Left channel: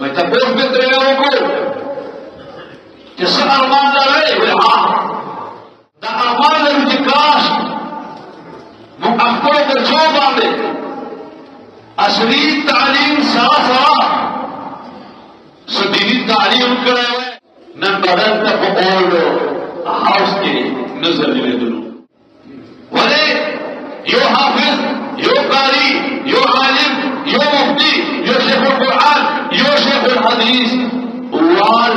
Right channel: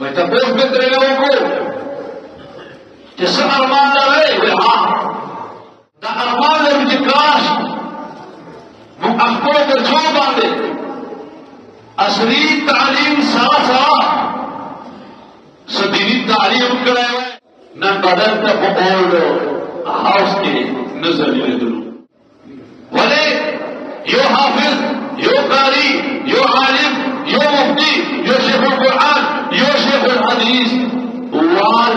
وتقول فكر يقول تسمع ارمان عليه ده ارمان الانتكاس مؤخر الجواب عليه اصلي التعليم سرا صديقي التعليم كراوي نن بدل تقولوا حوستي نزل يدل ولي يو حافظ يو قاري يو عالم يو مفتي يو شيخ القرآن يو شيخ الحديث والقرآن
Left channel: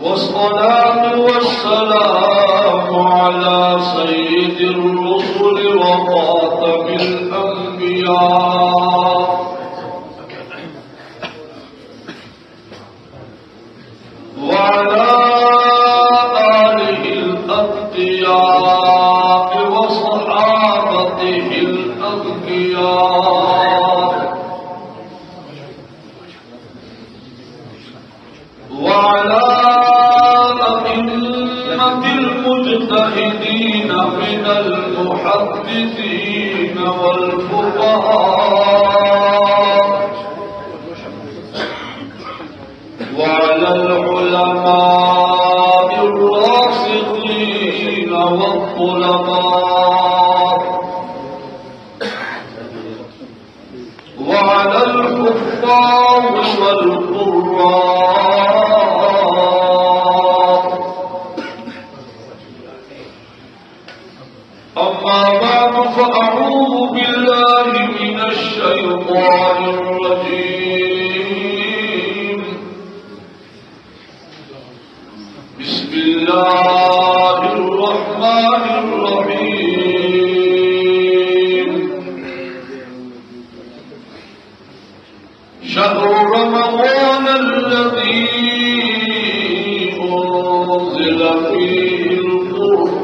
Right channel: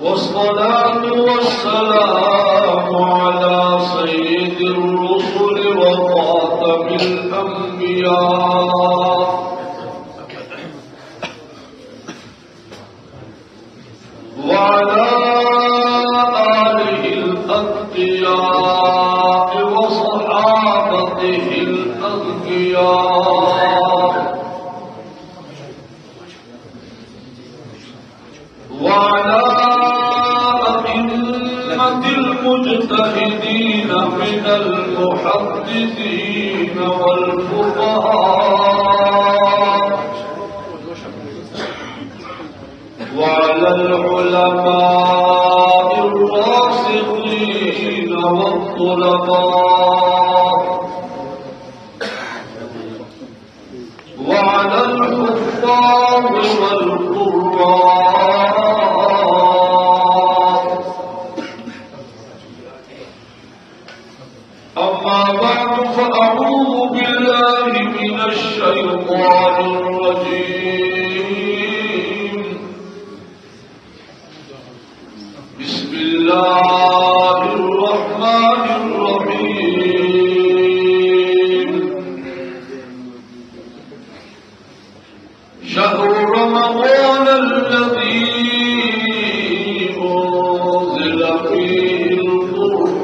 والصلاة والسلام على سيد الرسل وخاتم الأنبياء وعلى آله الأتقياء وصحابته الأتقياء وعلى المجتهدين من المحدثين والفقهاء وعلى العلماء الراسخين والطلباء وعلى الحفاظ والقراء. أما بعد فأعوذ بالله من الشيطان الرجيم. بسم الله الرحمن الرحيم. شهر رمضان الذي أنزل فيه القرآن.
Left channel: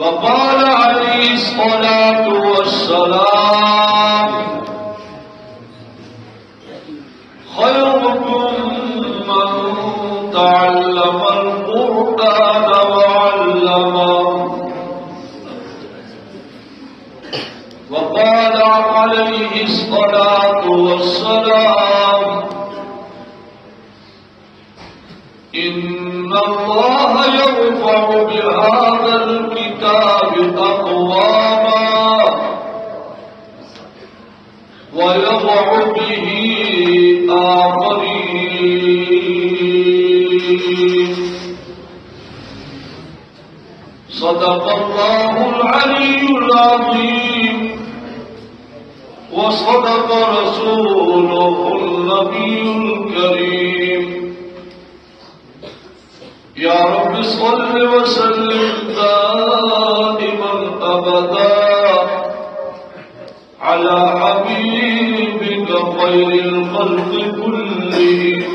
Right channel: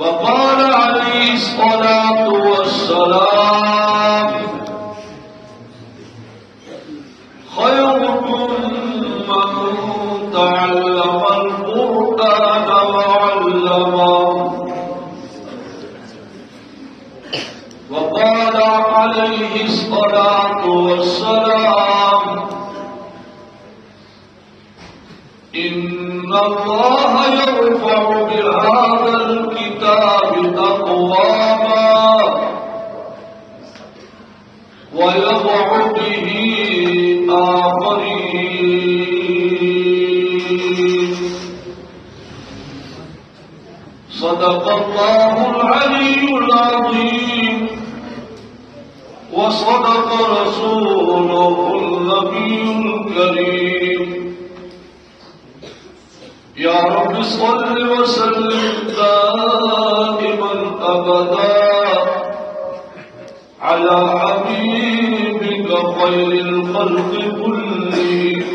وقال عليه الصلاة والسلام خيركم من تعلم القرآن وعلمه. وقال عليه الصلاة والسلام إن الله يرفع بهذا الكتاب أقواما ويضع به آخرين. صدق الله العلي العظيم وصدق رسوله النبي الكريم. يا رب صل وسلم دائما أبدا على حبيبك خير الخلق كلهم.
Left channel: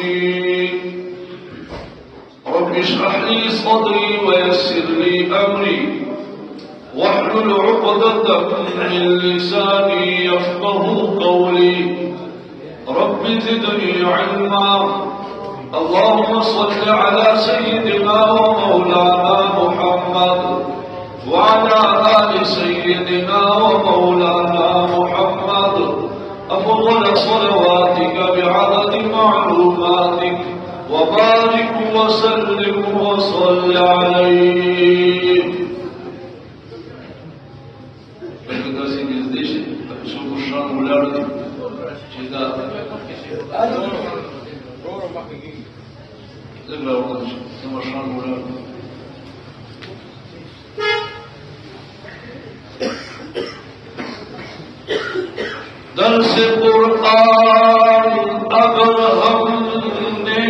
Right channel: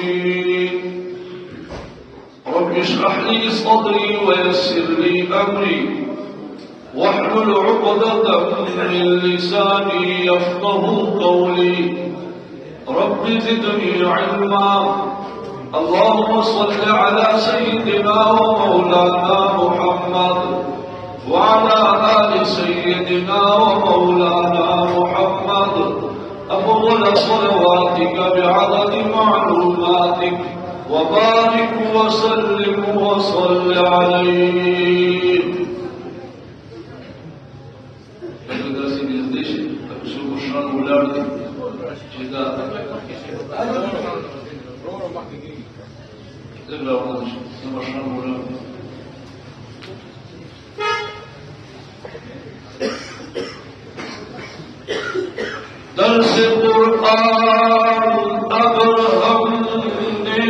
رب اشرح لي صدري ويسر لي أمري واحلل عقدة من لساني يفقه قولي. رب زدني علما. اللهم صل على سيدنا ومولانا محمد وعلى آل سيدنا ومولانا محمد أفضل صلواتك بعدد معلوماتك وبارك وسلم وصل عليه. درس القرآن أبرهم من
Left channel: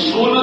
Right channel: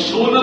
16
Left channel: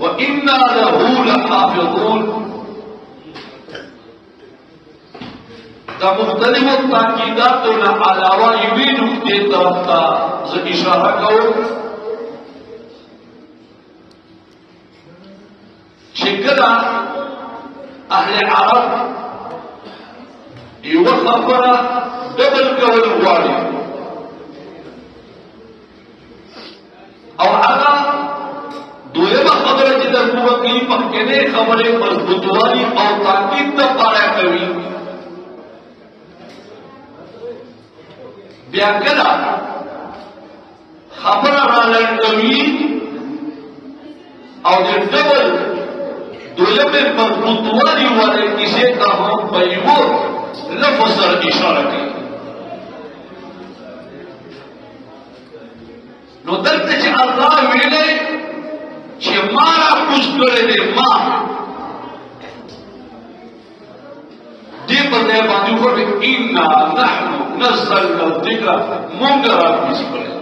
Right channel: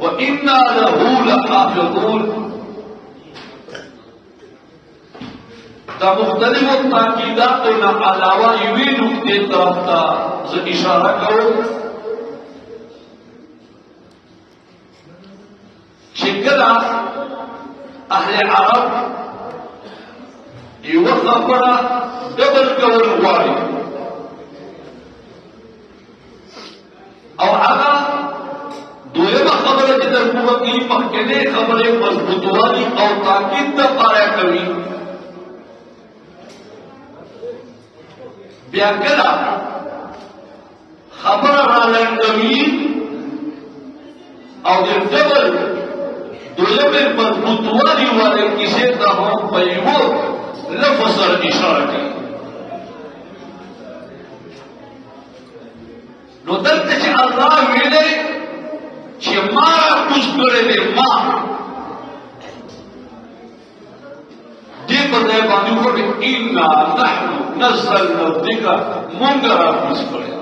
وإنا له لحافظون دا مختلف تاکیدات نا علاوہ یوی نقطے طرف تا اشارہ کرو شکرا اہل عرب یو خبره ډبل کول غواړي او هغه دویمه خبره چې د حکومت کې مخکنۍ خبرې مضبوطوالي او تاکید ته پاره کوي بیا کله خبره رالنډوي او د ډبل دویمه مضبوطوالي والے کسی ته هم په یو لفظ سره اشاره کوي نو دلته چې الله ویلې چې ما راکوز کړی دی ما دې په دې باندې وایي انا نحن نزلنا الذکر موږ راکوز کړی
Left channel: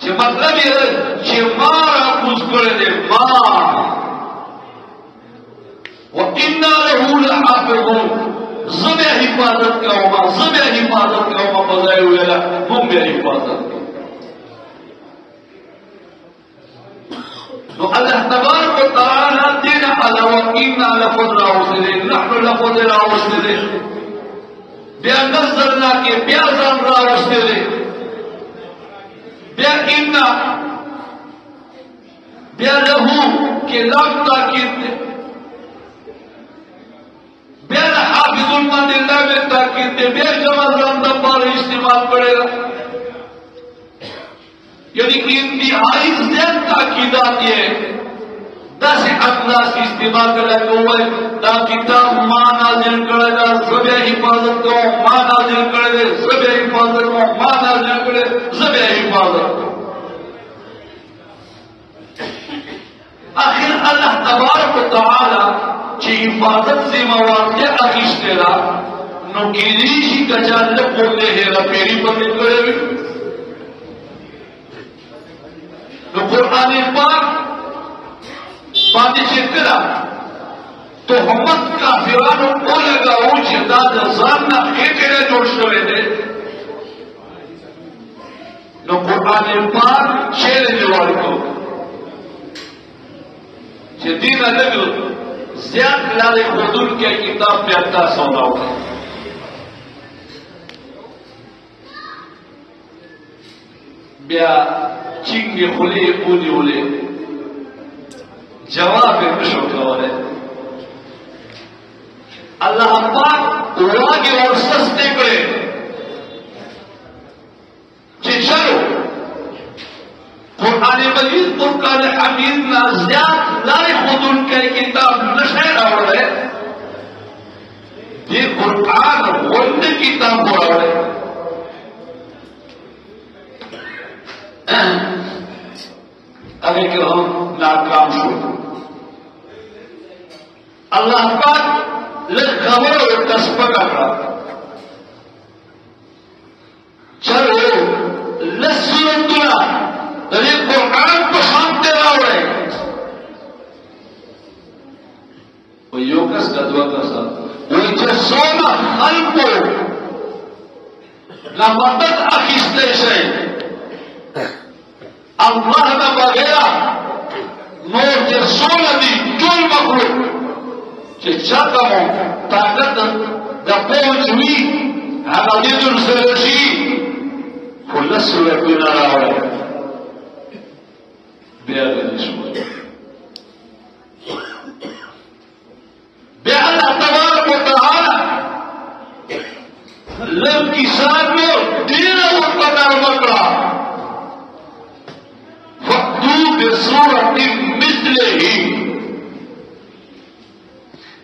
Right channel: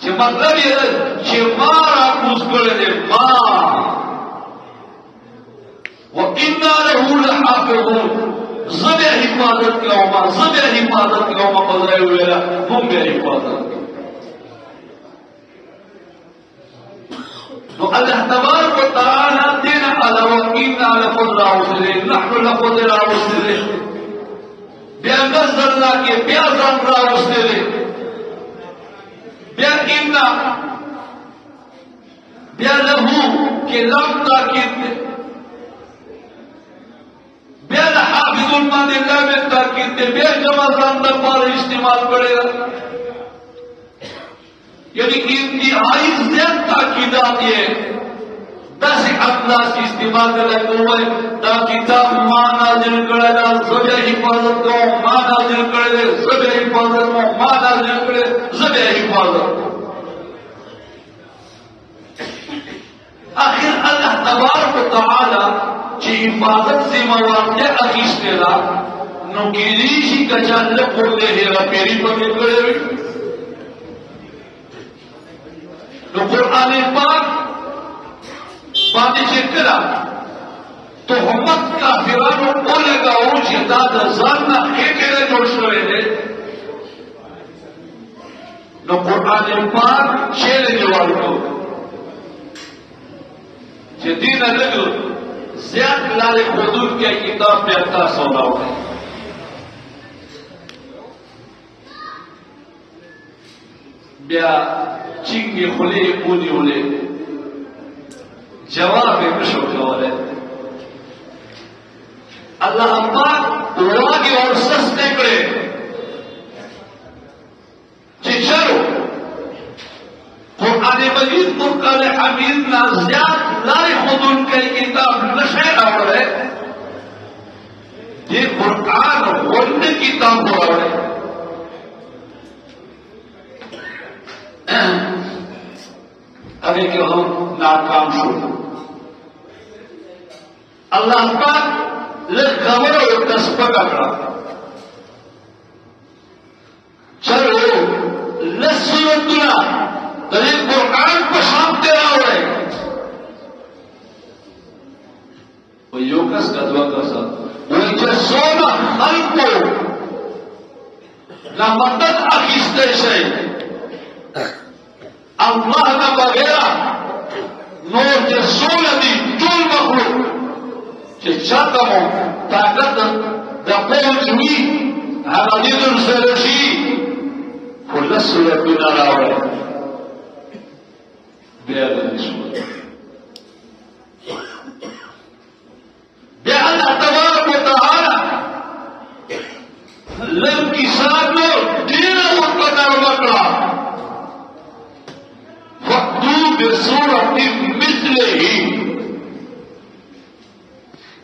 چې مطلب یې چې ما راکوز کړی دی ما وإنا له لحافظون زبه حفاظت کوما بځای ویلا موږ به حفاظت نو الله تبارک وتعالى دین علی وکینا لفظ راوسله نحن لفظ راوسله بیا نزلنا کې بیا ځان راوسله بیا اینا بیا له کې لام تاکید بیا حافظ باندې لام تاکید بیا جمع ځان د پاره استعمال کړي یعنی انتہائی زیادہ تاکیدات یہ دس انداز استعمال کرنے کو دا کتاب ماں نازل کرے گا زبے حفاظت کو ماں نازل کرے زبے حفاظت کو ماں نازل کرے زبے حفاظت آخر اللہ تبارک و تعالی چی حفاظت سے مواقع اخیشتنا نو کلیشی کجالہ بولے ہیں پیری بندے کرے تو قرآن پاک باندې چې کړه تهمت کافرانو ټول راو چې دا د ځان نه هیڅ جوړ شوی دی نو قرآن پاک شعر جوړ کړو چې دې لږ زیات لارې حدود کې کتاب بیا تاسو راوړل بیا چینگی خلی اونی اولی جواب نشو کولے اللہ پاک واگی اور سستے کرے چی چلو قرآن مجید قرآن حمید نازیات لائے خودن کے کتاب نشے آوڑے یہ قرآن ون کتاب آوڑے کہ ہم ناکام شو اللہ پاک لگھوے اور کسبت کا چلو لسیتنا دلیل قرآن کو سامتے راوڑے وہ یو کس کا دعا کسا وہ جسوما خلقو لمدد اخیستے سے اللہ نہ وغیرہ نور کے سولہ دی ٹول مخلوق کہ چاہتمو طاقت دفعہ جوئی حمدید الزرشی کل سورہ کنا رہا ہے بیاد نشو بے اللہ تبارک و تعالی لم کسان لو دین اور پتار مکرہ بصورة مثله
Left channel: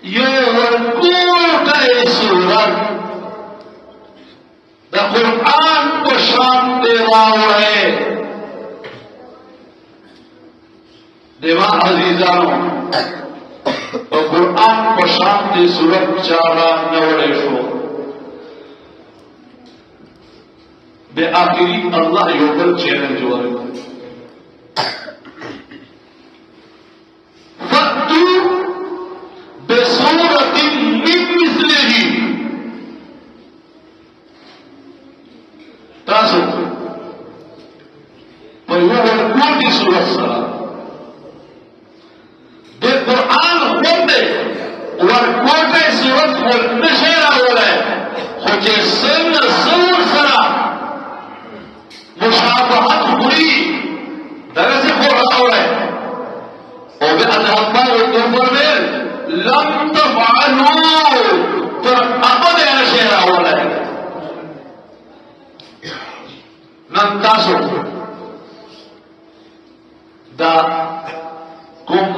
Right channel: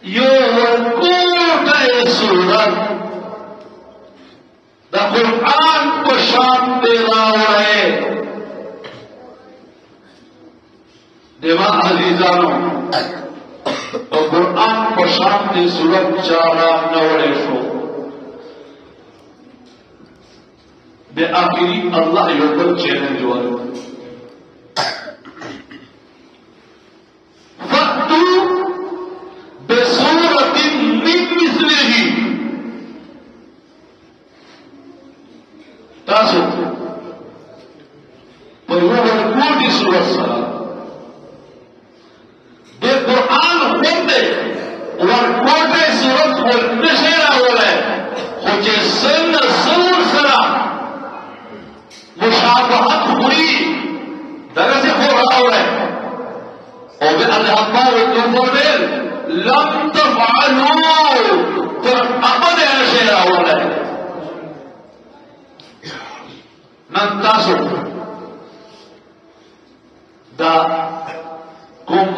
يركوك سورة دا قرآن پشان تراوڑے دیوا عزیزانو اور قرآن پشان تی سورت چارا نوڑے شو بے آخری اللہ یوڈر چیلنج ہوئے والكل سورة الصلاة بالقرآن خده والكل سورة والنشر أولا خد السن الصور سرا مشابهة خري درجة قرآن أولا وبأن الله والتفضل لم تفعلوا فأقض على شيء أولا نمتازو دا کوم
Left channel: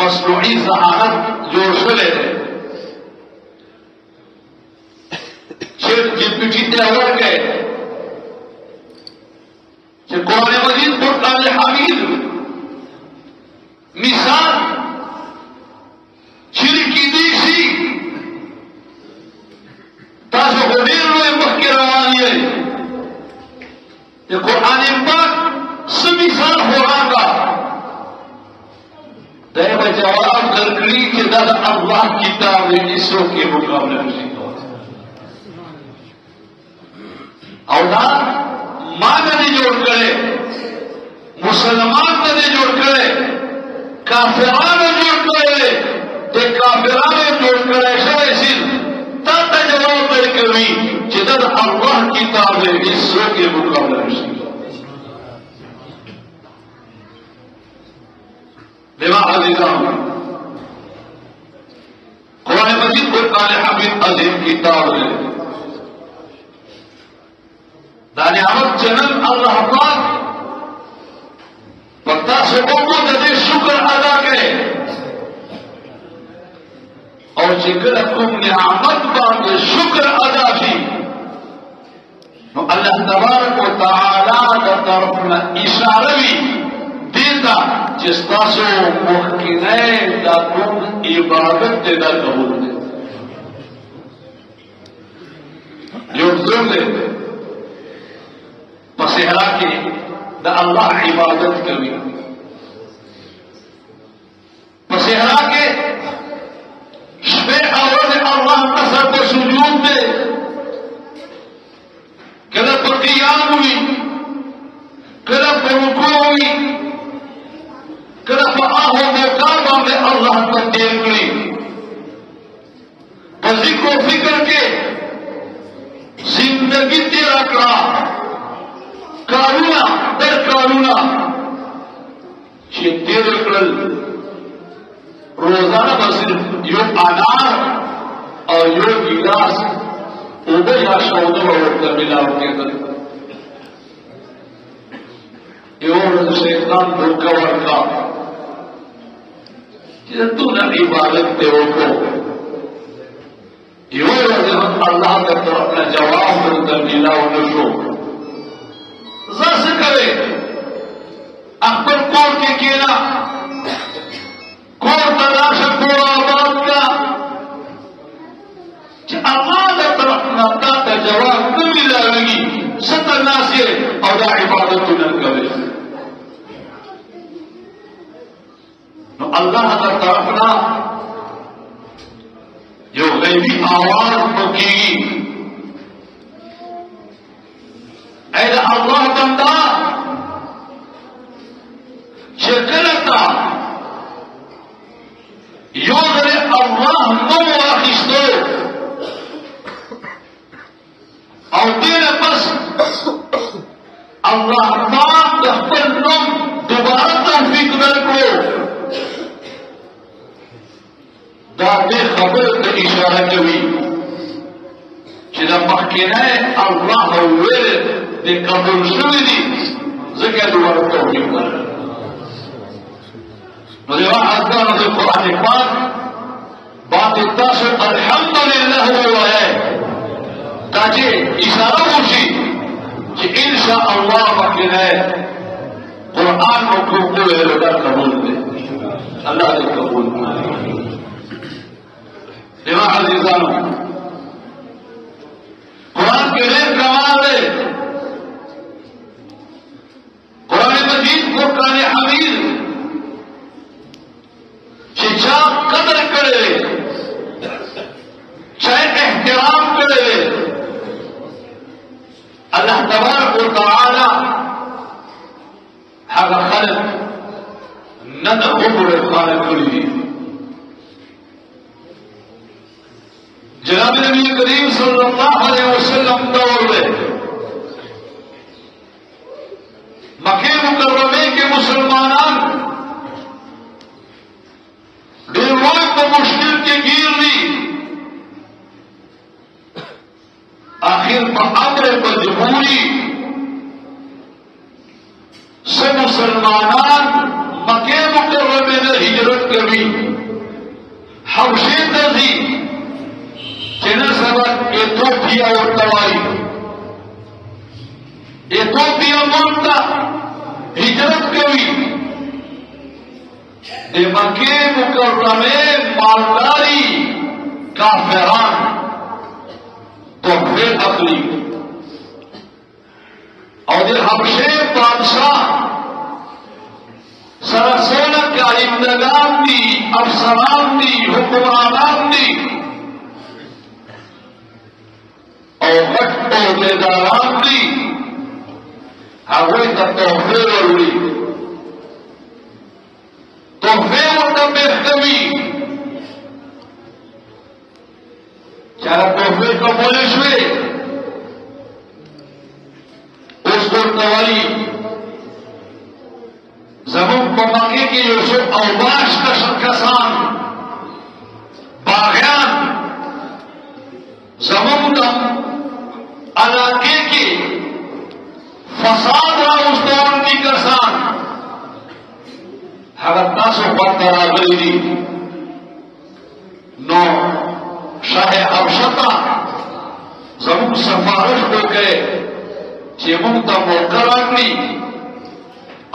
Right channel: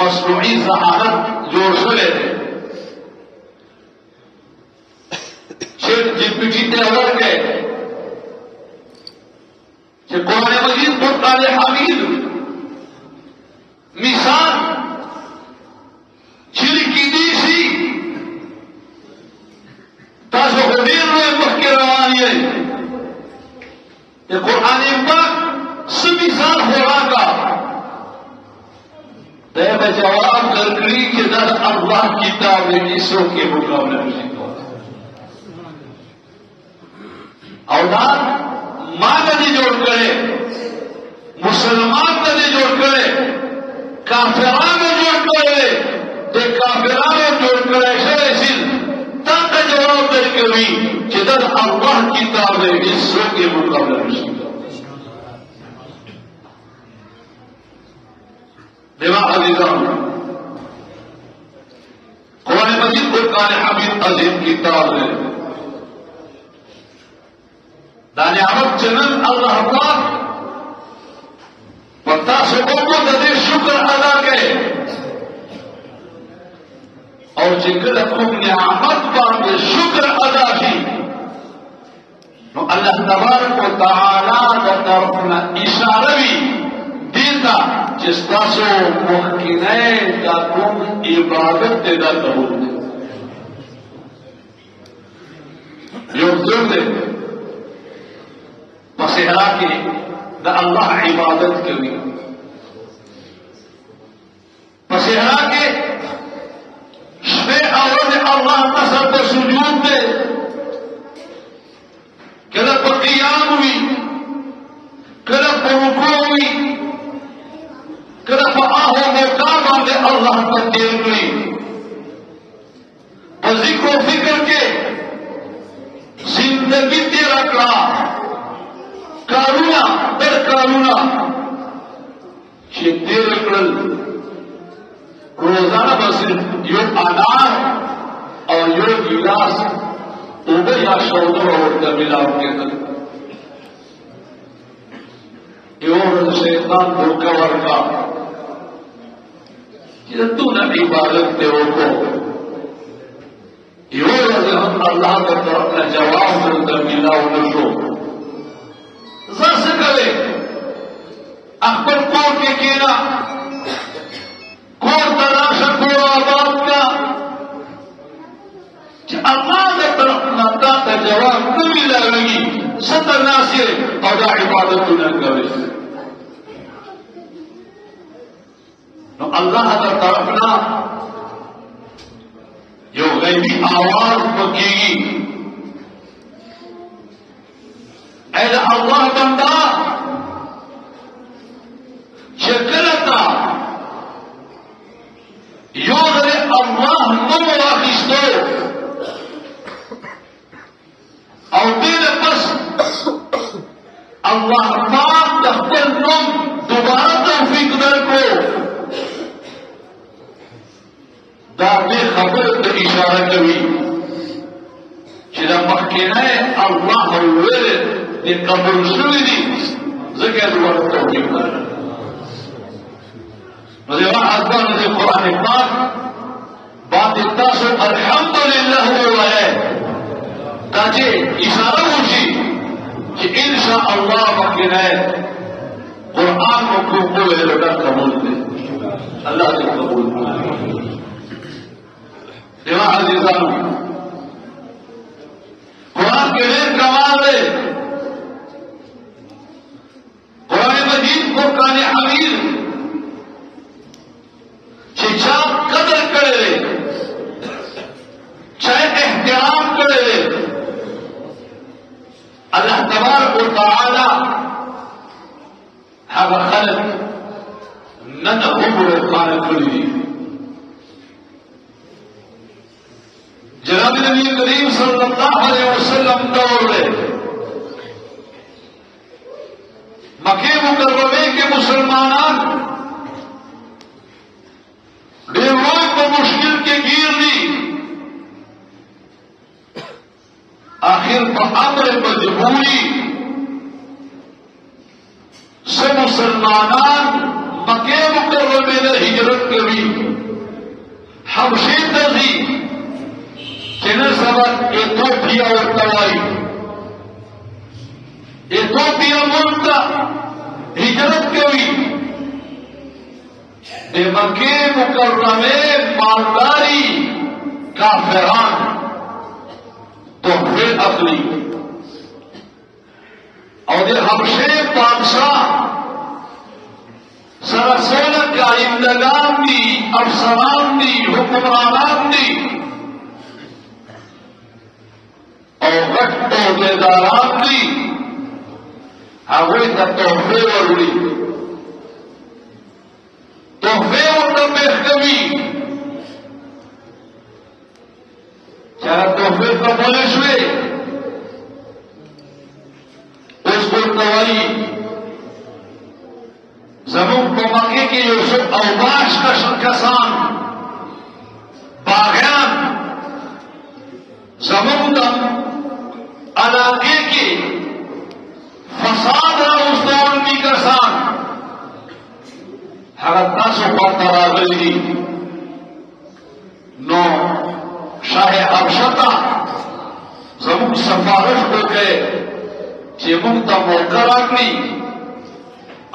مصنوعي ذهانت جوړ شوی دی چې جپټي ته ورکړي چې قرآن مجید قرآن حمید مثال شرکی دی شي تاسو په ډېر لوی مخکې روان یې د قرآن پاک څه مثال وړاندې دا جواب درکړي چې دا الله کتاب دې څو کې مقابله نشي کولای او دا ما دې جوړ کړي مسلمان دې جوړ کړي کافرانو جوړ کړي د کافرانو جوړ کړي شوی سي تا ته جواب درکوي چې دا الله کتاب دې څو کې مقابله نشي لماذا عزيزان قرآن مجيد قرآن حميد عظيم كتاب داني عمد جنن الله پاک پتا سے وہ نظر شکر ادا کرے اور جکر تم نعمت پر شکر ادا کی تو اللہ تبارک و تعالی کا طرفنا اشارہ بھی دیتا جس تاسو مخکینه دا کوم عبادت ته دا قبول دی یو څوک په صحرا کې د الله عبادت کوي په صحرا کې شپه او ورځ الله تعالی ته سجود دی کله په قیام وي کله په رکوع وي کله په هغه مقام باندې الله تقدیر کړی په ذکر او فکر کې زندگی تیرا کړه کارونه در کارونه چې تیر کړل روزانه بس یو انار او یو ګلاس اوبه یا شاوده ورته ملاو کېدل یو ورځ شیطان دھوکا ورکړه کہ تو نہ عبادت تے روکو یہ ہم اللہ کا طرف نہ جواب ہو کر ملا نشو ذرا سے کرے اکبر کور کے کیلا کور تلاش پورا آباد کا کہ اللہ کا طرف نہ کا جواب نہ ملا لگی ستنا سے اور عبادت نہ کرے اللہ کا طرفنا جو غیبی آواز بکیگی اے اللہ بندہ شکلتا یو ذرے اللہ نو واخستو او دین بس اللہ پاک دخل نم دوبارہ توفیق نرکو دا دې خبره ته اشاره کوي چې دا مخکینه الله ویل د قبول شوی دي ځکه د ورته توفیق نو یو اذان د قرآن پاک باندې تاسو الحمدلله وایي دا چې اشاره وشي چې ان شاء الله مخکینه قرآن کو قبول دي الله دې قبول کړي دیوان عزیزانو قرآن کے لئے کمال ہے قرآن مجید قرآن حمید چاہ قدر کرے چاہے احترام کرے اللہ تبارک و تعالی هذا خلق نن عمر کار کړی دي. جناب نبی کریم صلی اللہ علیہ وسلم دور میں مکہ مکرمے کے مسلمانان ڈیروئی کو مشکل کے گیر دی. آخر بامر مجبوری سب مسلمانان مکہ مکرمے نے ہجرت کری. حبشے تھی سبب ایتھوپیا اور توائی ایتھوپیا ملک کا ہجرت کری. مکے مکرمے مالداری کافران تحفے اپنی اور حبشے بادشاہ سرسولہ کا انتظام دی افسران دی حکمران دی اور وقت عہدیداران دی هغوی ته تحفې وروړي. تحفې ورته پېښ کوي چې هغه تحفې قبولې شوې. اوس ورته وایي زموږ په مکې کې یو څو اوباش کسان باغیان زموږ د علاقے کے فساد راوستوندی کسان ہڑپا سے پڑتا راغلی نو شاہ حبشہ زموږ سفارش وکړي چې موږ ته موقع راکړي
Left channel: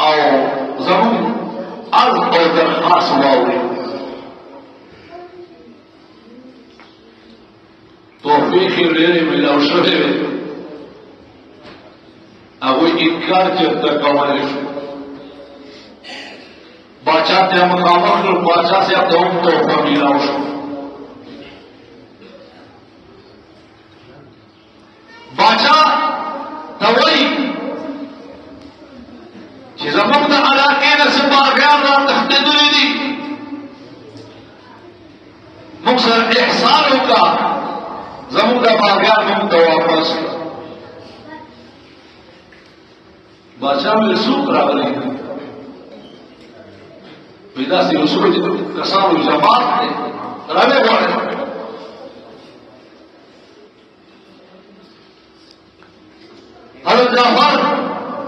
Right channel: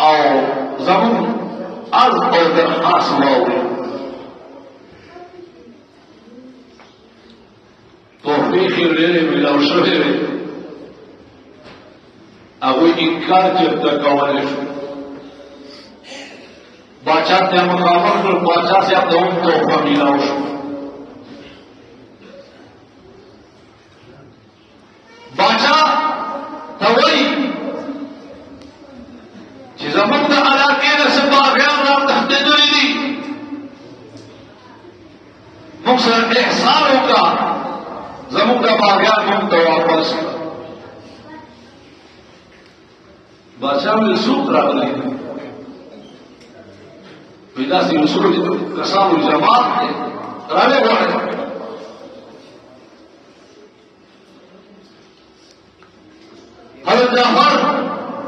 او زموږ عرض او درخواست واوري. تحفې کې ډېرې ملاو شوې وې. هغوی انکار چېرته کولی شو. باچا ته مخامخ کړ. باچا صاحب ته هم تحفه ملاو شو. باچا ته وایي چې زموږ د علاقې نه څه باغیان را تښتېدلي دي. موږ سره احسان وکړه زموږ د باغیان موږ ته واپس کړه. باچا وویل څوک راغلی؟ وایي داسې یو څو کسانو جماعت دی راویې غواړي. حضرت جعفر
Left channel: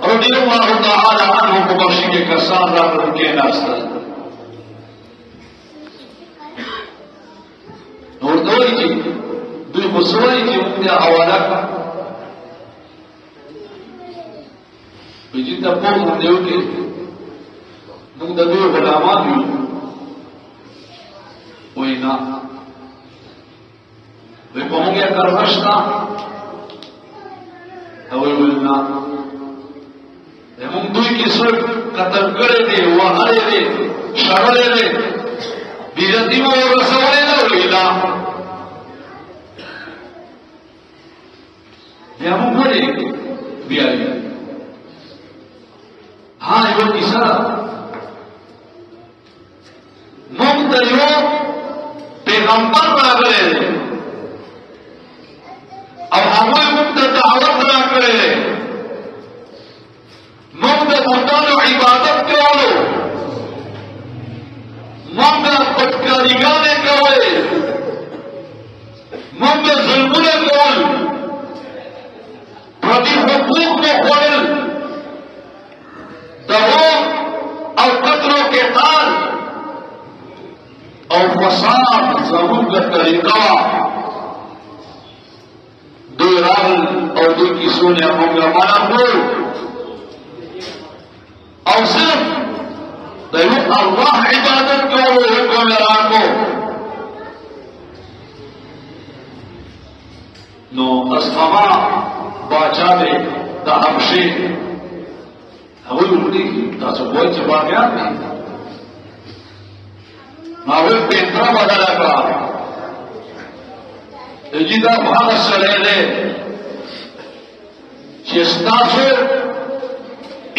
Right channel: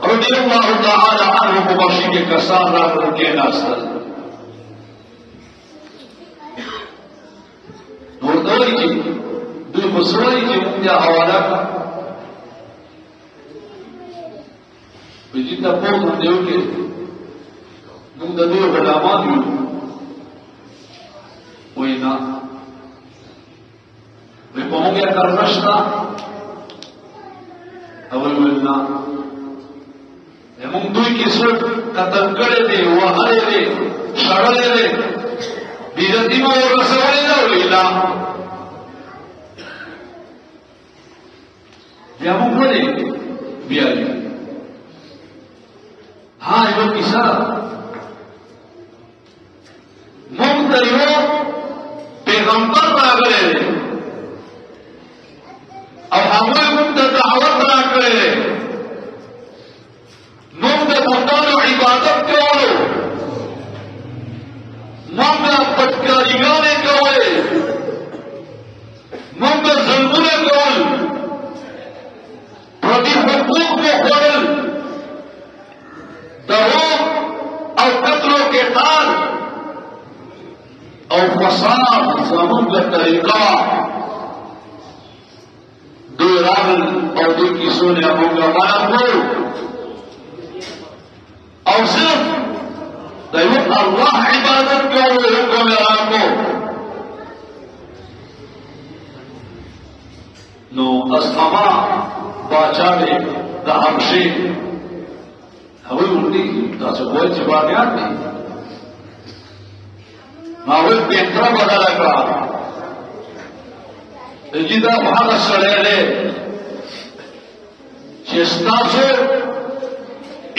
رضی اللہ تعالی عنہ کو بخشی کے کسان راغلل کېناستل. نو ورته وایي چې دوی خو څه وایي چې موږ بیا حواله کړه. وایي چې ته پوه غوندې وکړې موږ د دوی غلامان یو. وایي نه. وایي په موږ یې ترغه شته؟ هغوی ویل نه. موږ دوی کې څوک قتل کړی دی وهلی دی شړلی دی بېعزتي مو ورسولی ده. ویل نه. بیا موږ ولې بیایو؟ ها یوه کیسه ده. موږ ته یو پیغمبر راغلی دی او هغوی موږ ته دعوت راکړی دی. موږ د بتانو عبادت کولو، موږ د بدکاریګانې کولې، موږ د ظلمونه کول، پردي حقوق مو خوړل، دروغ او قتل و قتال او فساد زموږ د طریقه دوی راغل او دوی کیسو نه موږ روانه کړو او صرف د یو الله عبادت کولو حکم یې راکړو. نو اصحابه باچا دی د حبشې هغوی ورته تاسو وایئ چې باغیان دي. ما وایي بهتره بدله کړه چې دا هغه سړی دی چې ستاسو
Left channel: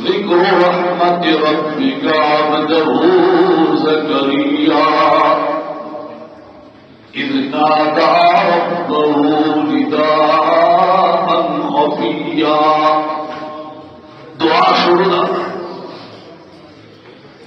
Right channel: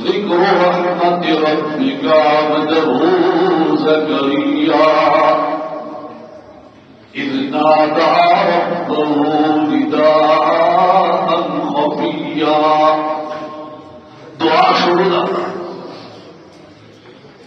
ذكر رحمة ربك عبده زكريا إذ نادى ربه نداء خفيا دعا شروع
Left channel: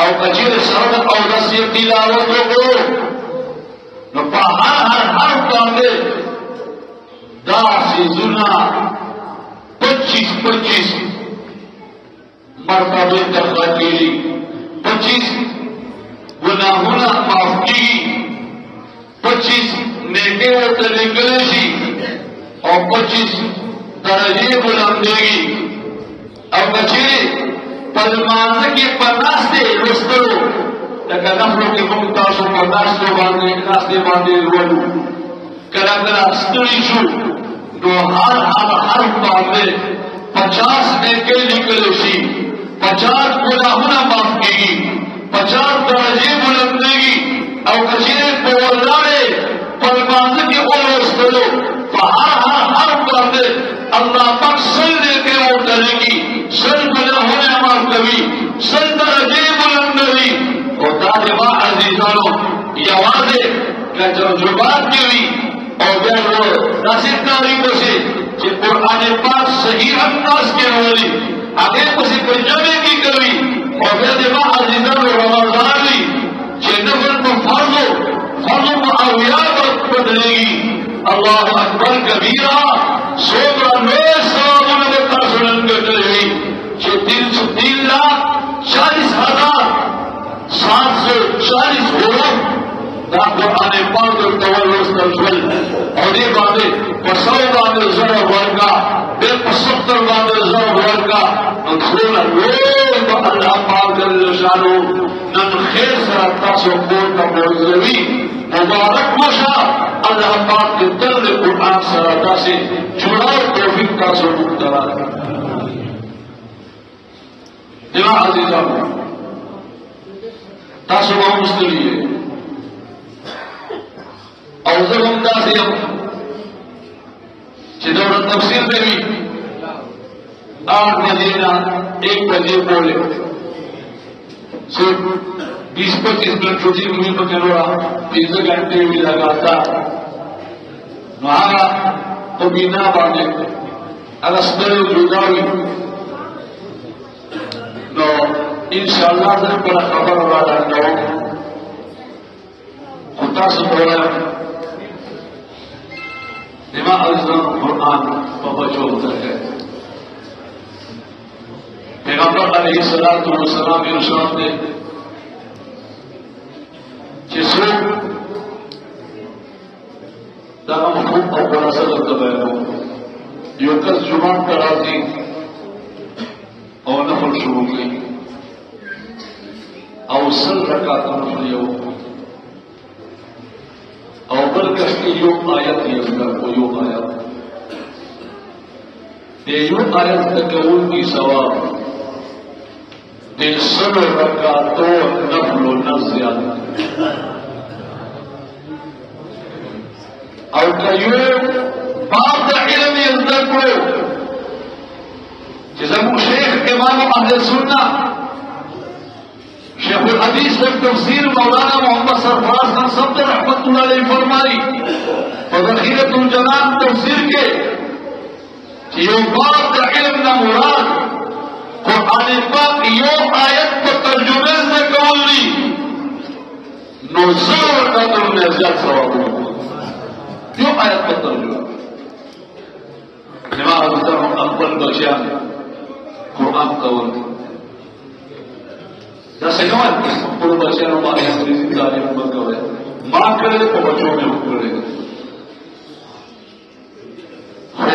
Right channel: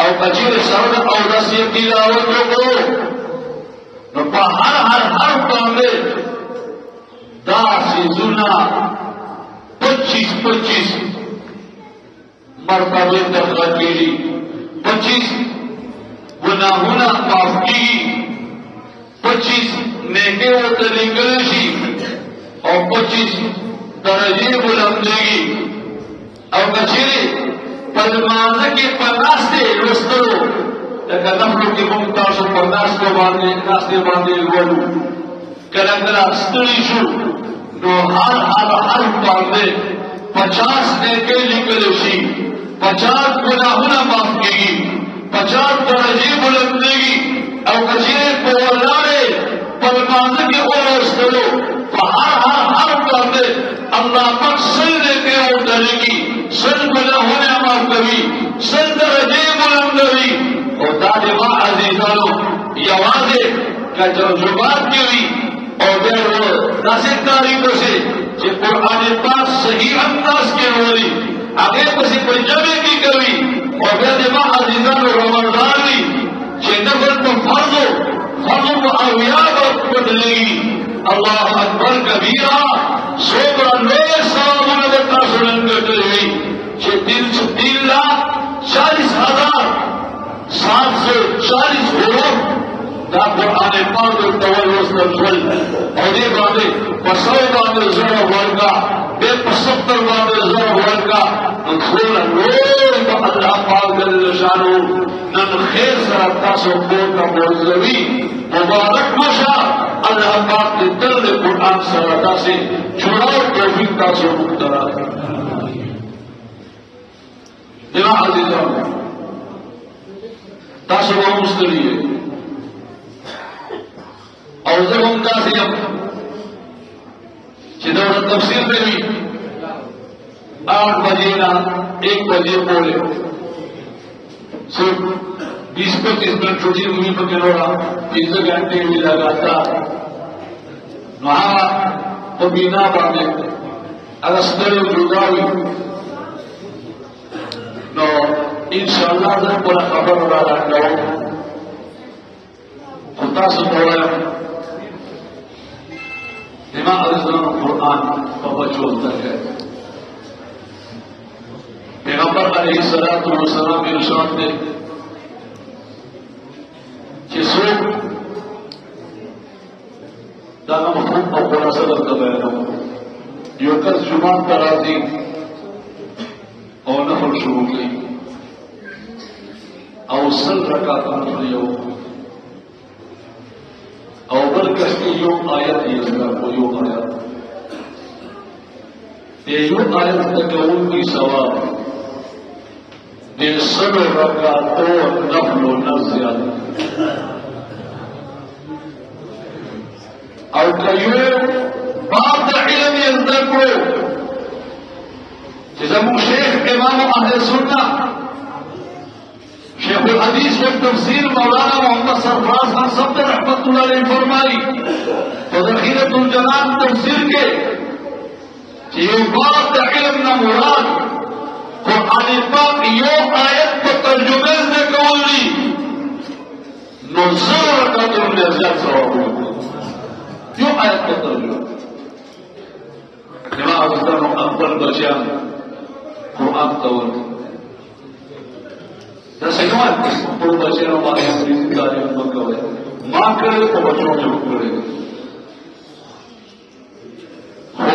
او اجر سره او رسې تلاوت وکړو نو په هر باندې دا سيزونه 25 مرتبه تخلقي 25 گناہونه معاف کیږي 25 نیکه ورته لیکل شي او 25 درجه بلندېږي او چې په مانځ کې پناسته رستو لکه نحو کې موږ تاسو په واسطه باندې ورو کله کله ستړي شو نو هر باندې 50 نیکه لیکل شي 50 گناہونه معاف کیږي 50 درجه بلندېږي او چې په ولاړې پر باندې کې ورستو تو ہر باندې الله پاک سجدے کې ودرېږي سجده هونه مرتبه سجده دې بلندوي او دا د عزیزانو یوازې ترجمات کوي او دا داسې تاریخ سي چې قرآن پاک صحیح انداز کې وایي هغه څه ترجمه کې کوي او دا د عزیزانو رواني چې نفل کو فرض او یاد بدلېږي الله اکبر کبیرا سوبر نور سلام کا سنن کرتے ہیں کہ 340,740 ہوگا دا قرآن پاک کو تولوس تنزل اور یہ باتیں مسئلے باندے زر ورکا بے پسکتر باندے زر ورکا انسول نور با اللہ پاک جل شانو نن خیر سرکتا سے اپور کا مرزوی مبارک مشا اللہ پاک کے درد قرآن سرکتا سے شمار توفیق کا سے مقترا دینا عزیز جانو تاسی وہاں مستوری ہے اور جب ہم تاسی ہم جنہاں تفسیر دیں 8 مدینہ 1 بجے بولے صرف 20-25 منٹ چھوٹی ہوئی تو تیرا 3 گھنٹے بھی لگاتا وہاں تو بینا بانے الاسبر جوڑاوی جو انشاءاللہ نے بڑا خبر ہو رہا ہے خطا سے بولا امام اعظم قرآن بہت ہوتا ہے پیغمبر علیہ الصلوۃ والسلام کے ارشاد ہے کہ سو تمام خوب اور بڑا سبب تباہ یہ کل جمعہ پر آتی اور نفل شروع کی اور سر کا کام لیو اور بلکہ کی یوم آیت نہیں کو یوم آیت یہ یوم آیت تکرون کی ثواب دل سر کا تو نفل و نزیاد اور کئیو باب علم اندر کو جزمو شیخ امام اہل سنہ شیخ الحدیث و تفسیر مولانا محمد سرفراز خان صاحب رحمۃ اللہ علیہ فرمائی اور ذخیرۃ الجمان تفسیر کے کہ یہ باب کا علم نہ مراد قرآن پاک یہ آیت پر ترجمے سے قولی نوزر وقت میں ازیاد سواب ہوگا کیوں آیت پر ترجمہ امام حضرت اکبر بچیان قرآن قول نسیمان پر بچیان ہمارے حدیث کی آیت پر قول ماں کرے تو بچوں میں کرے ہو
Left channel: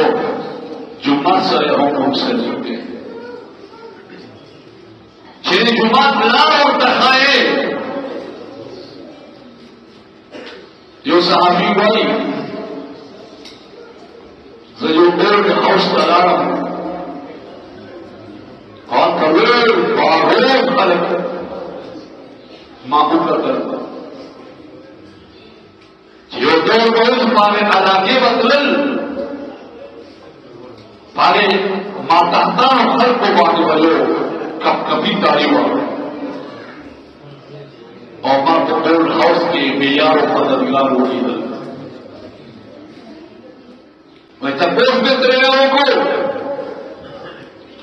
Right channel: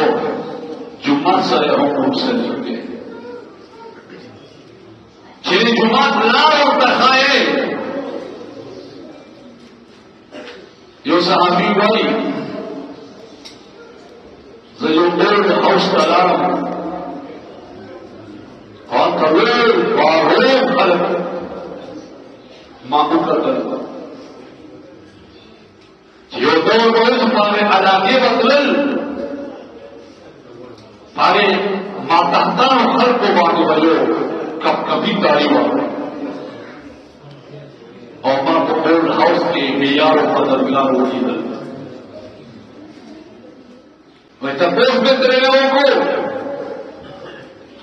جمعہ سے ہم سے چکے چیری جمعہ لا اور تخائے یہ صحابی بھائی زیو اولد خوش تلارم اور قبل وعروب خلق معمولہ کرتا یہ دور روز ہمارے علاقے بدل ہمارے ماتحتہ خلق کو بانے والے کبھی تاری ہوا اور ماں پٹول ہاؤس کے معیار و بدلگار ہوئی بلتا میں تپوس میں تیرے لوگوں کو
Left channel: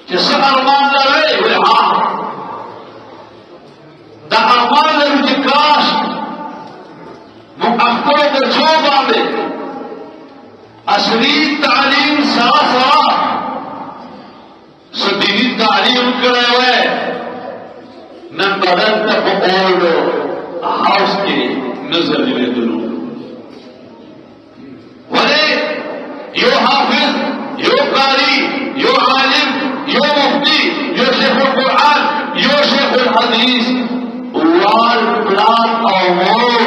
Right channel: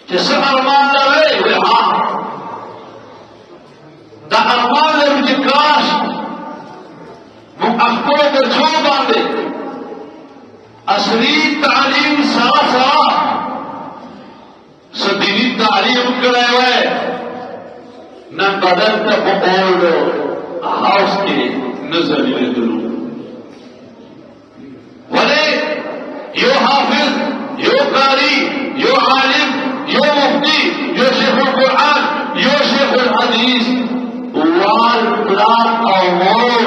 جس سے ارمان رہے ہاں د اعمال انتقاش مقفل د جو باندې اصلي تعلیم سره سره دینی تعلیم کړی وای نن بدل ته په اولو هاوس کې نظر لیدلو ولې یو حافظ یو قاری you Alam you Mufti you شیخ القرآن یو شیخ الحدیث وال پلان او مور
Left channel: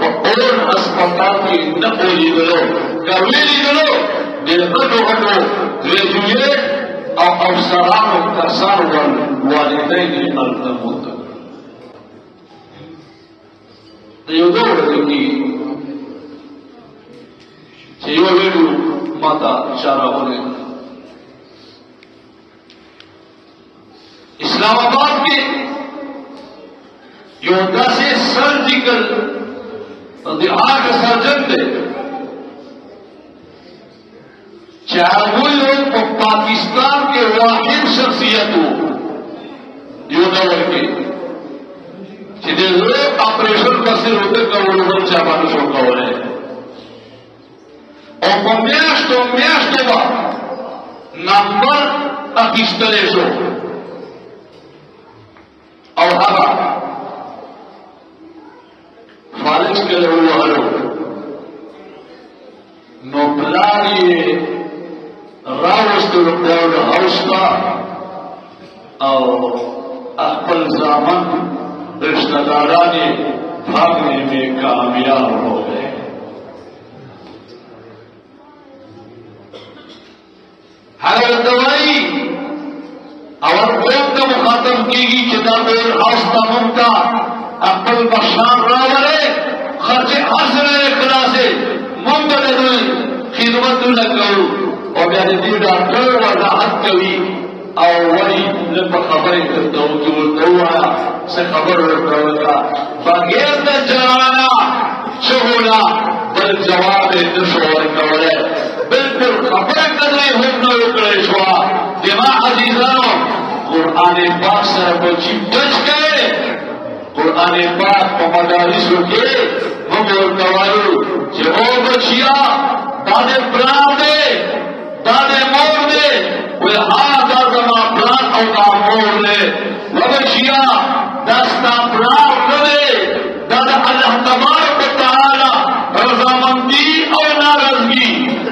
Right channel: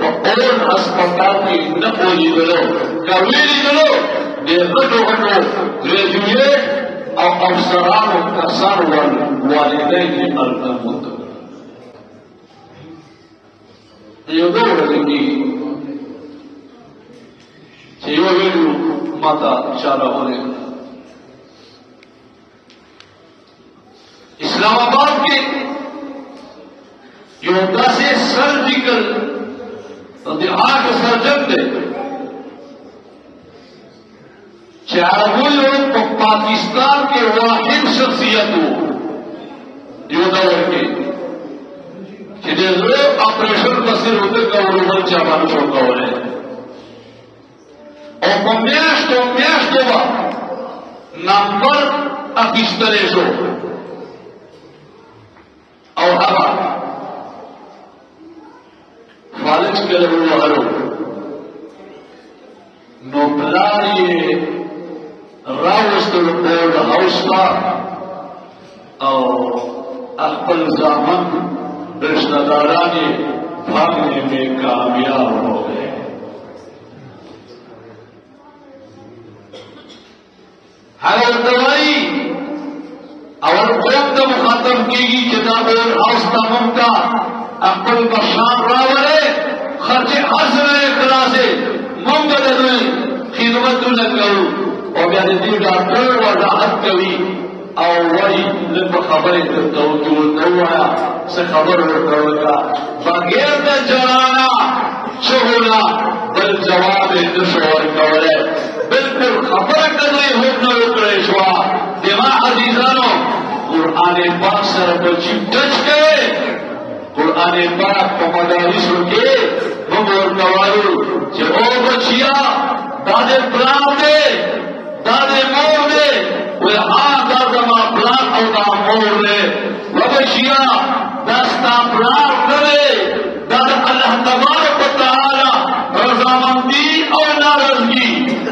په اول اسپتال کې نه ولیدلو کوي لیدلو دغه ډول ګریجویټ او افسران و کسان والدین التموت یو ډول دی چې یو ویلو ماته اشاره وکړه اسلام آباد کې یو داسې سرجیکل د هغه سرجن دی چې هغوی په پاکستان کې واحد شخصیت وو یو ډول کې چې د زړه اپریشن پسې وته کولو بل چا باندې شو کولای او په میاشتو به نمبر اخیستلی شو او هغه فالج کې ووهلو نو پلار یې راوستلو اولډ هاوس ته او خپل زامن رشتہ داران یې بھاگنے میں کامیاب ہو گئے ہر دوائی اور خوب تو ختم کی گی کتاب ہاؤس کا ممکا اپل کا شام راورے خرچے ہنس رہے اقرا سے ممکن خدمت نہ کرو اور جانتی ڈاکٹر وضاحت کری اور وہی لب خبر توجہ کروا سے خبر کروا بغیر کا جوانا شغلہ بل جواب دشوار کرے بالکل خبر کرے حکم کرے شوا دماغ عزیزانو قرآن پاک سره بچی ٹچ کرے قرآن پاک په مدارسو کې موږ ورکوایو چې او بچیا دا دې پلان دی دا دې مور دی وی ها دا زما پلان او ما مور دی وبچیا دا ستا پلان نه دی دا د الله تبارک وتعالی رضامندي او ناراضگي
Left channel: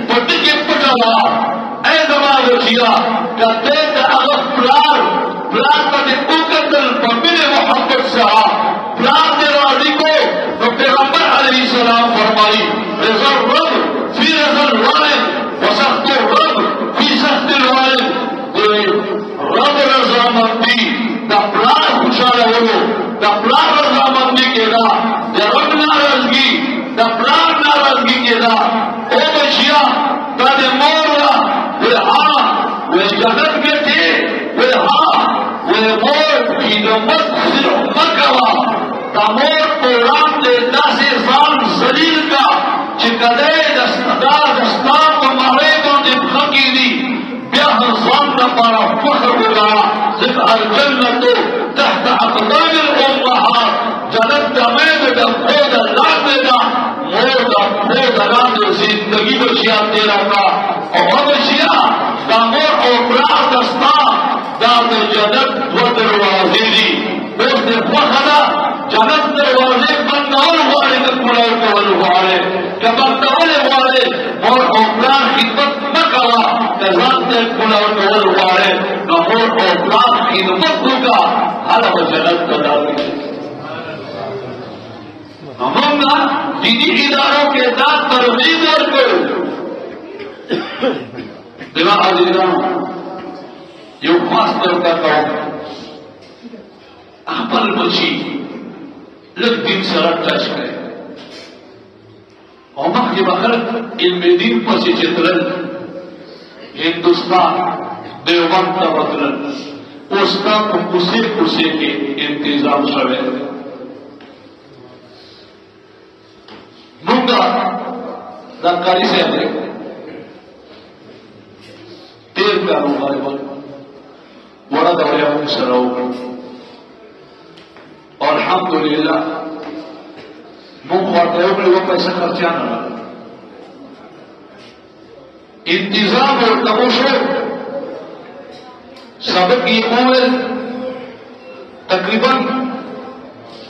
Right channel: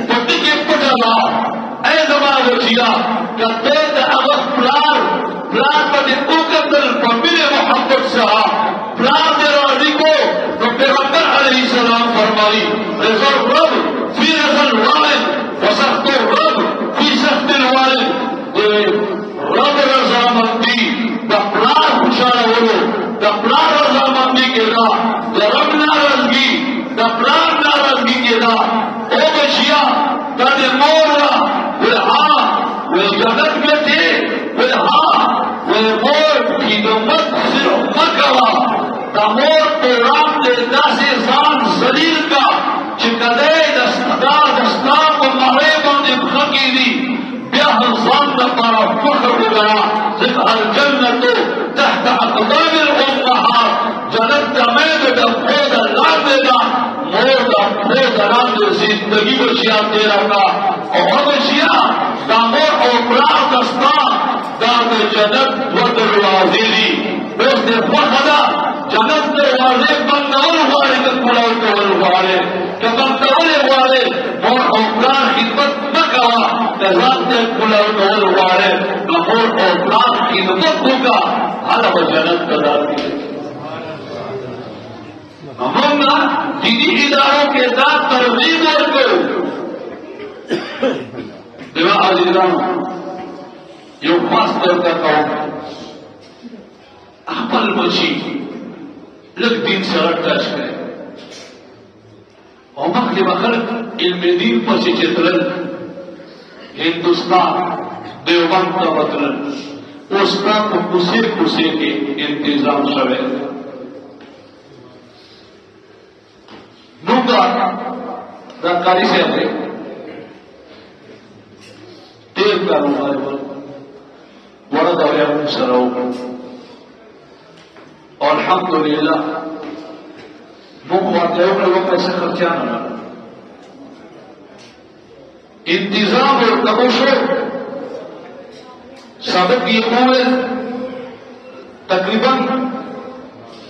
په دې کې پټه وه اے زما بچیا کته د هغه پلان باندې وکتل په مینه محبت سره پلان دې راضي کو نو پیغمبر علیه السلام فرمایي رضا الرب فی رضا الوالد وسخط الرب فی سخط الوالد رب رضامندی دا پلان خوشاله ولو دا پلان رضامندی کې دا د رب ناراضگي دا پلان ناراضگي کې دا او بچیا دا د مور ها جنت ګټي مور خدمت صرف نہ کرا مور پروگرام دے داسې ځان ذلیل کا چې کدی دستا په مړی باندې پښه کېږدي بیا هم ځان لپاره فخر ووایه ځکه الجنة تحت اقدام الامهات جنت د میندو د پښو د لاندې ده مور د پښو د لاندې زندګي به زیات تېره کړه او بچیا دا مور او پلار دستا دا د جنت ورته دروازې دي اوس دې خوښه ده جنت دروازې بندول غواړي که کړاو کول غواړي که بندول غواړي مور او پلار خدمت مه کوه که ځان ته کړاو کول غواړي نو مور او پلار خدمت وکړه هله به جنت ته راشي موږ دیني ادارو کې دا ترغیب ورکړو دغه عزیزانو یو خاص طور پر خپل بچي لږ دین سره ټچ کړي او مخکې به خلک علم دین پسې چې تلل هندوستان دیوبند ته به تلل اوس کا په کوڅې کوڅې کې انتظام شوی موږ دا کاري صاحب دی تیر کاروبار بڑا دورے میں سراؤ اور الحمدللہ مخاطبوں نے وہ پیسہ خرچہ نہ انتظام اور تماشو سابق کی قوم تقریباً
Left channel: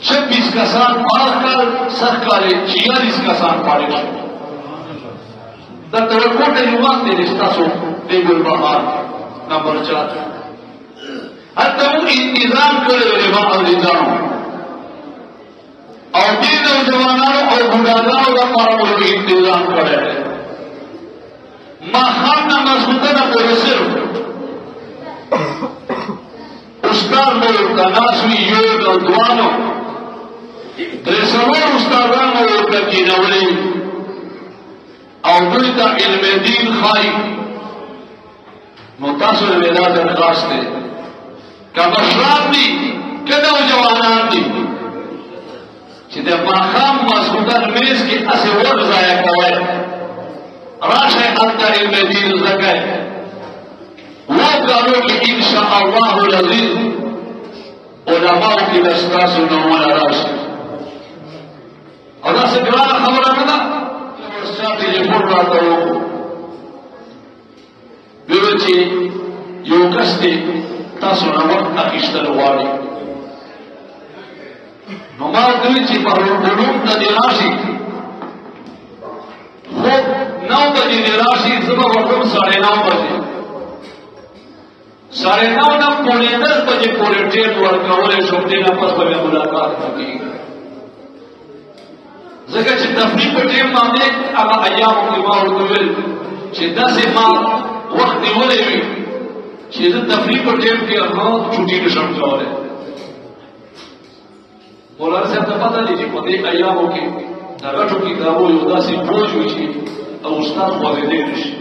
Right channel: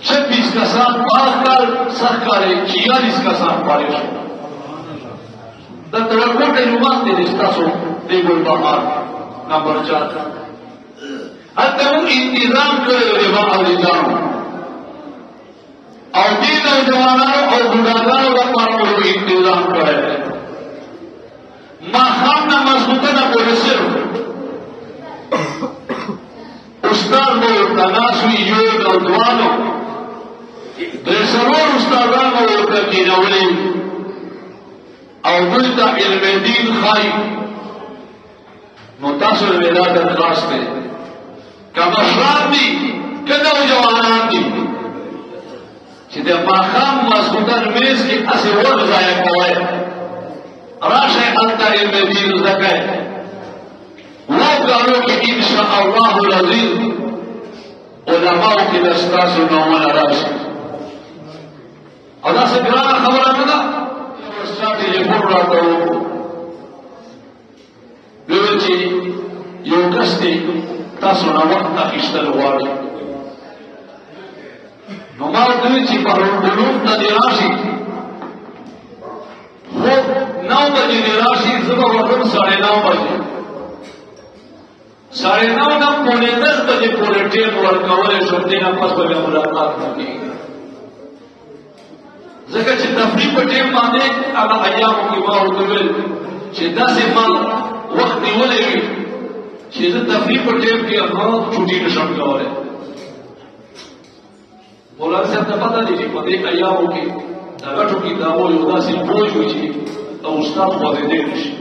26 کا ساتھ پاس کر سخ کارے 46 کا ساتھ پاڑے شو دا توقع کے نماز نے رشتہ سو بے گل بہار نمبر 4 حتی وہ انتظام کرے رواں اور نظام اور دین نوجوانوں اور بڑھاگانوں کا پارا ملے انتظام کر رہے ہیں ماخام نہ مضبوطہ نہ کوئی صرف استاد میں تناسوی یہ نوجوانوں برسول استادان میں کرتی نولی اور دویتا علم دین خائی متصل ولادت خاص کے کہ مشران دی کہ نوجوانان دی چیزیں ماخام مضبوطہ میز کی اسی وقت ضائع کرے راش حتى المدينة الزكاة وقالوا إن شاء الله العزيز علماء في الأسفاس ونوما راش الله سبحانه خبرنا السادة يقول رأيه بيوتي يوكسكي تصنع وقت أكشتر والي نما بيوتي قلوب ندراشي نو بجے راشی صبح وقت 9:30 بجے 9:30 پونے 10 بجے پورے ٹیم ورک کولے شوقین اپس بجے ملاقات ہوتی ذکر چې تفریح په ټیم باندې هغه ایام کې ما وویل چې 10 ماه وخت نیولې وي چې د تفریح په ټیم کې هغه چھٹی نشم کولای مولا صاحب ته پته دی په دې ایامو کې هغه ټول کتابونه یو داسې بوج وي او استاد باندې نشي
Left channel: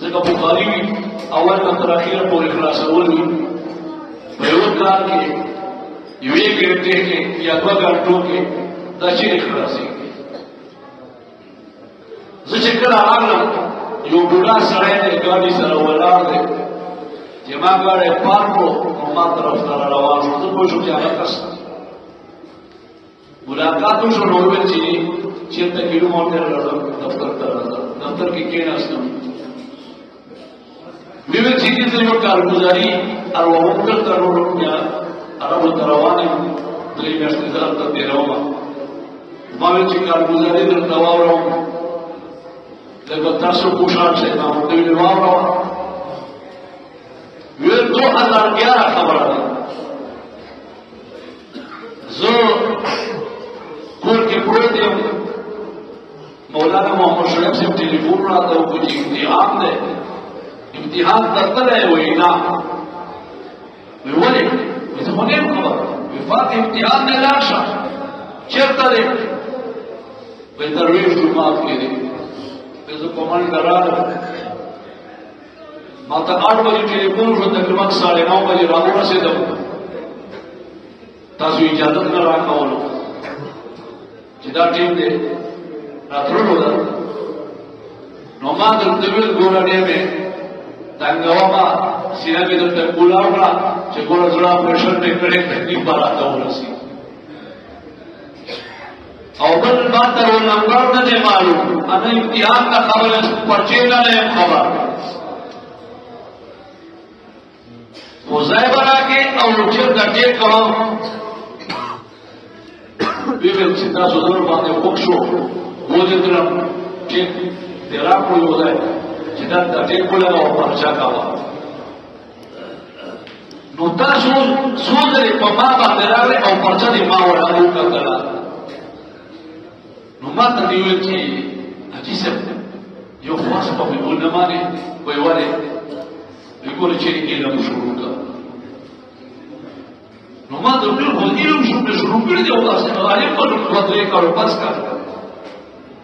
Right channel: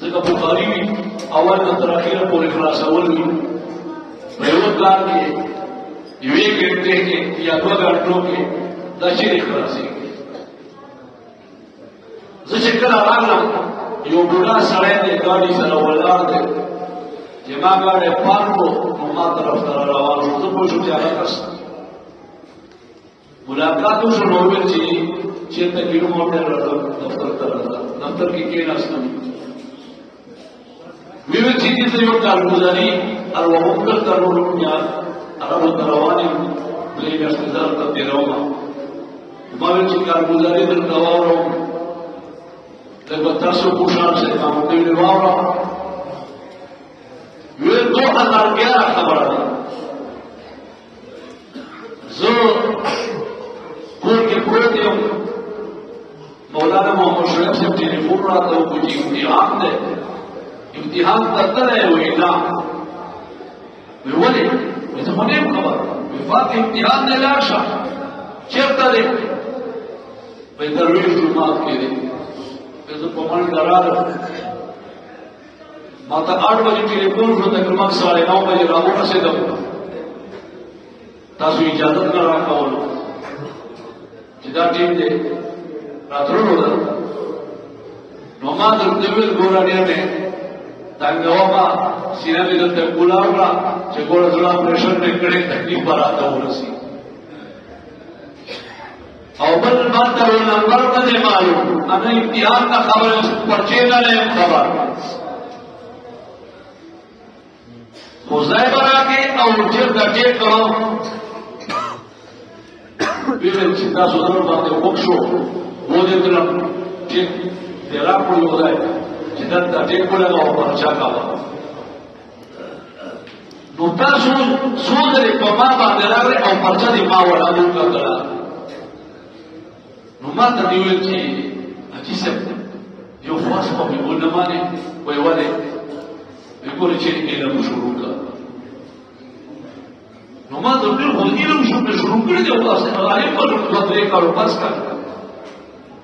ځکه بخاري اول تر اخره پورې خلاصول وي یو کار کې یوې ګټه کې یا دوه غنټو کې دا چې خلاصي زه چې کله راغلم یو بوډا سره د ګاډي سره ولاړ دی چې ما غاړه پاتو ما طرف ته راوړل خو په شو چې هغه پس ملاقات شروع ہوئی تھی چیتا کی موٹر دفتر دفتر کی کہنا سن ویوے چیزی سے وہ کارگزاری اور وہ مقدر کرنو روپیا عرب و تروانی دلی میں سزار تا دے رہا ماوے چی کارگزاری در دواو رہا در بتاسو پوشان سے کام دلی دواو رہا ویوے 2011 خبر دا زو کل کی کوئی مولانا محمد شریف سے ٹیلیفون رہا تھا وہ امتحان ہے امتحان کرتا رہے ہوئے نا ویولی ویسے مجھے خبر وفات امتحان نے لاشا چیک کرے بہتر ہوئی شروعات کے لئے ویسے کمان کرا رہا ماتا 8 بجے ٹیلیفون کو تقریباً 9:30 بجے راگونا سے دب تاسو اجازت میں رہا ہوں جدا ٹیم دے راترو ہوتا نومان دلتویل گوڑاڑیا میں تانگواما سینہ میں دلتا گوڑاڑا چھے گوڑا جڑا پریشن ٹیکڑے تحقیق بالاتا ہو نسی اوبر ماتا وہ نمبر نہ دے معلوم ہمیں امتحان کا خبر پرچے نہ لے خبر وہ زیبہ را کے اور اچھر کا ٹیک کرو بیوے چیزا سدر باندې وکشو وځي دلم چې تیرا کوی وځي چې دا تکلیف کوله او پرچا کاوه نو تاسو سوچ په ما باندې راغلی او پرچا دې ما وړاندې کړل نو ما ته ویل چې حاجي صاحب یو خاص په ونه باندې وای وره یو چې علم شروع کړ نو ما د دې ولګي شروع کړی او تاسو ته راځي په وځي کارو تاسو کا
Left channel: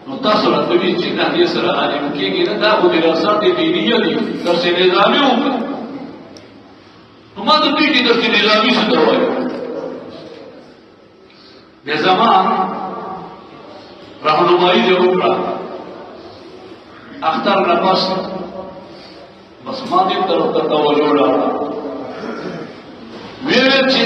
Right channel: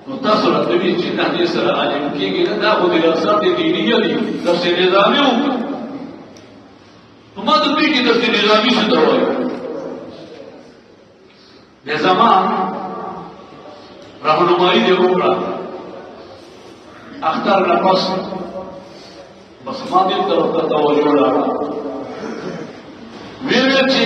نو تاسو راځي چې کاندي سره راځي کېږي دا خو دې اکثر دې دی دی نو څه نظامي وو نو ما د دې کې د نظامي څه وایي د زمان راهنمایي دی وکړه اختر نفس بس ما دې ته وکړه ولا میرے چی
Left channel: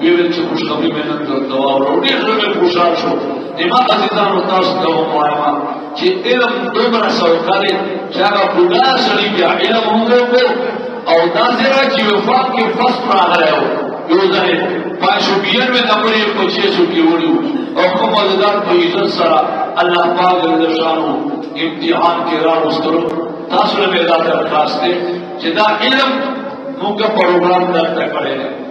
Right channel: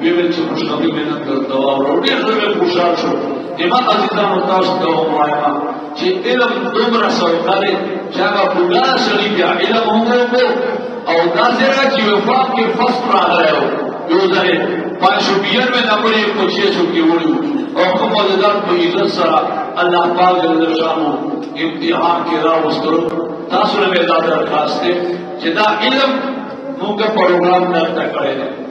Wiele czy uszczęśliwiamy do również puszczaczu. Nie ma azizanu kosztu omaja. Czy ilam dobra sorkari, czego buda szalikia, ilam umrogo, a udazera ci wafaki fastra hrają. Juzari, pašubijan me nabori po česu ki uliu. Okom azizan to izzat sara, Allah ta'ala nešanu, imtihan ki rav ustru, tasle me data raste, čeda ilam muka program data karega.